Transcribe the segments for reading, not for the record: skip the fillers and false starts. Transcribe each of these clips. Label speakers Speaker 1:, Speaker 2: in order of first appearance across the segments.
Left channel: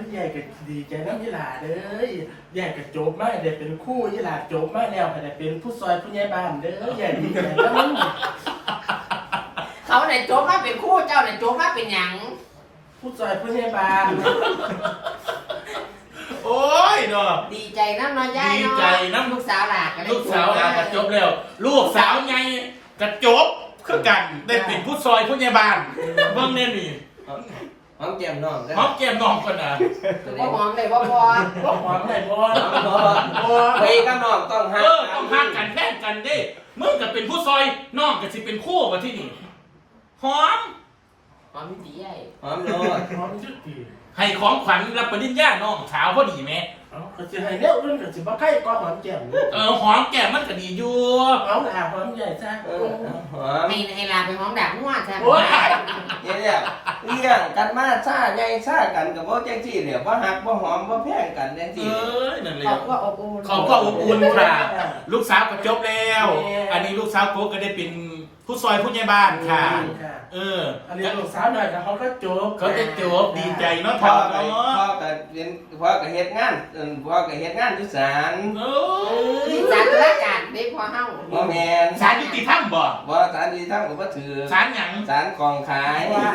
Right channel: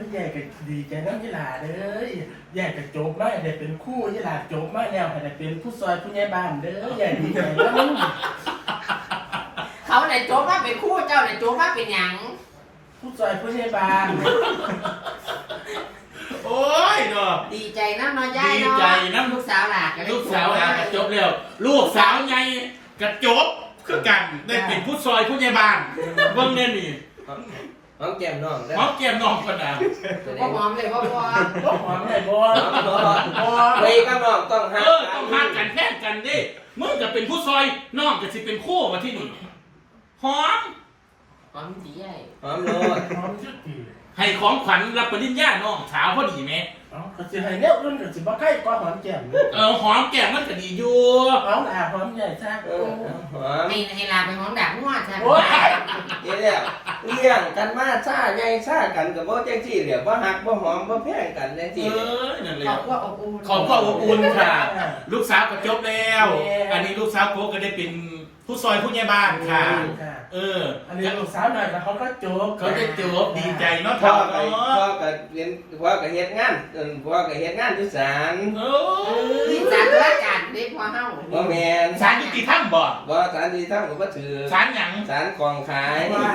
Speaker 1: ใหญ่กับดีใจน้ำยี่หลาเด้อใหญ่กับโจบมาเดี๋ยวเป็นคู่ยี่หลาโจบมาแล้วแต่เป็นผู้ซอยผู้ใหญ่บ้านเด้อใหญ่ดีใจน้
Speaker 2: เขาไหนโจ๊กมาเป็นคู่เจ้าไหนโจ๊กมาเป็นหยัง
Speaker 1: ผู้ซอยผู้ใหญ่บ้าน
Speaker 3: โอ้ยเนาะ
Speaker 2: ดีใจนั่นเนาะย่ายเนาะ
Speaker 3: ดีใจนำ
Speaker 2: ลูกสาวหลาก
Speaker 3: ลูกสาวกระจบแล้วลูกสาวไงกระจบคือกันได้เป็นผู้ซอยผู้ใหญ่บ้านเบิ่งเนี่ยนี่
Speaker 4: หอมแก้มน้องได้
Speaker 3: หอมแก้มน้องคนน่ะ
Speaker 2: พ่อหอมเลยพ่อ
Speaker 1: บอกหอมไหนบอล
Speaker 4: ไปกับน้องต้องหัก
Speaker 3: ต้องหักกันแค่กันดิมึงก็เป็นผู้ซอยน้องก็สิเป็นคู่ว่าที่นี่หอม
Speaker 2: หอมดีใหญ่
Speaker 4: หอมโลด
Speaker 1: หอมชื่อกี่
Speaker 3: ให้ของขวัญรับปริญญาน้องสาวพอดีไหม
Speaker 1: อ๋อก็จะให้เลี้ยวรุ่นก็จะมาใกล้ก้อนหอมแก้ม
Speaker 3: หอมแก้มมันก็ดีอยู่
Speaker 1: หอมหอมใหญ่ใช่
Speaker 4: หอม
Speaker 2: ให้ลาไปหอมดาบงวดใช่ไหม
Speaker 1: โอ้ย
Speaker 4: เดี๋ยวเลี้ยงกันมาซ่าใหญ่ซ่ากันกับบ่จังซี่เดี๋ยวบ่หักบ่หอมบ่แพงกันจังซี่
Speaker 3: นั่นเลย
Speaker 2: ขอบว่าอบอุ่น
Speaker 3: ขอบคุณอบอุ่นค่ะ ลูกสาวก็จบแล้ว อันนี้ลูกสาวโก้ก็ได้เป็นผู้ซอยผู้ใหญ่บ้านค่ะ
Speaker 1: อันนี้ลูกสาวหน่อยแต่เขาก็โจบ
Speaker 3: เขาจะจบดีใจเนาะ
Speaker 4: พ่อ
Speaker 3: เนาะ
Speaker 4: ก็เรียนพ่อก็เฮ็ดงานพ่อก็เฮ็ดงานที่ศาล
Speaker 2: นี่สารราชการได้พอเฮ้า
Speaker 4: บ่แม่น
Speaker 3: ศาลยุติธรรมบ่
Speaker 4: บ่ศาลที่ทำก็บ่ถือ
Speaker 3: ศาลหยัง
Speaker 4: ศาลกองขาย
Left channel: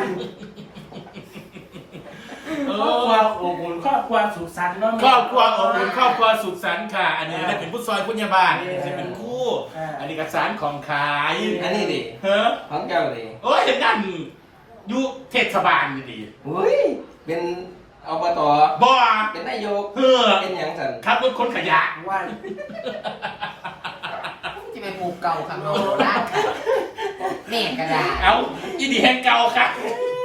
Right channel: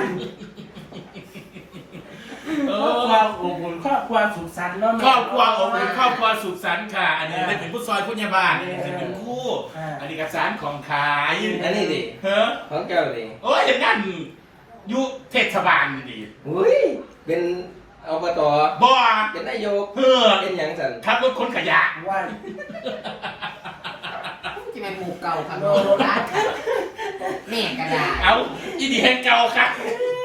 Speaker 1: ครอบครัวอบอุ่นครอบครัวสุขสันต์เนาะ
Speaker 3: ครอบครัวอบอุ่นครอบครัวสุขสันต์ค่ะ อันนี้ได้เป็นผู้ซอยผู้ใหญ่บ้านอันนี้เป็นคู่ อันนี้ก็ศาลของขาย
Speaker 4: อันนี้ดิ
Speaker 3: เฮ้อ
Speaker 4: ของเจ้าดิ
Speaker 3: โอ้ยเห็นนั่นอยู่เทศบาลนี่ดี
Speaker 4: อุ้ยเป็นอบต
Speaker 3: บ่
Speaker 4: เป็นนายก
Speaker 3: เฮ้อ
Speaker 4: เป็นหยังสั่น
Speaker 3: ขับรถคนขยะ
Speaker 1: ว่า
Speaker 2: ที่เป็นหมู่เก่าคำโบราณแม่กระดาษ
Speaker 3: เอาอีดีแห่งเก่าค่ะ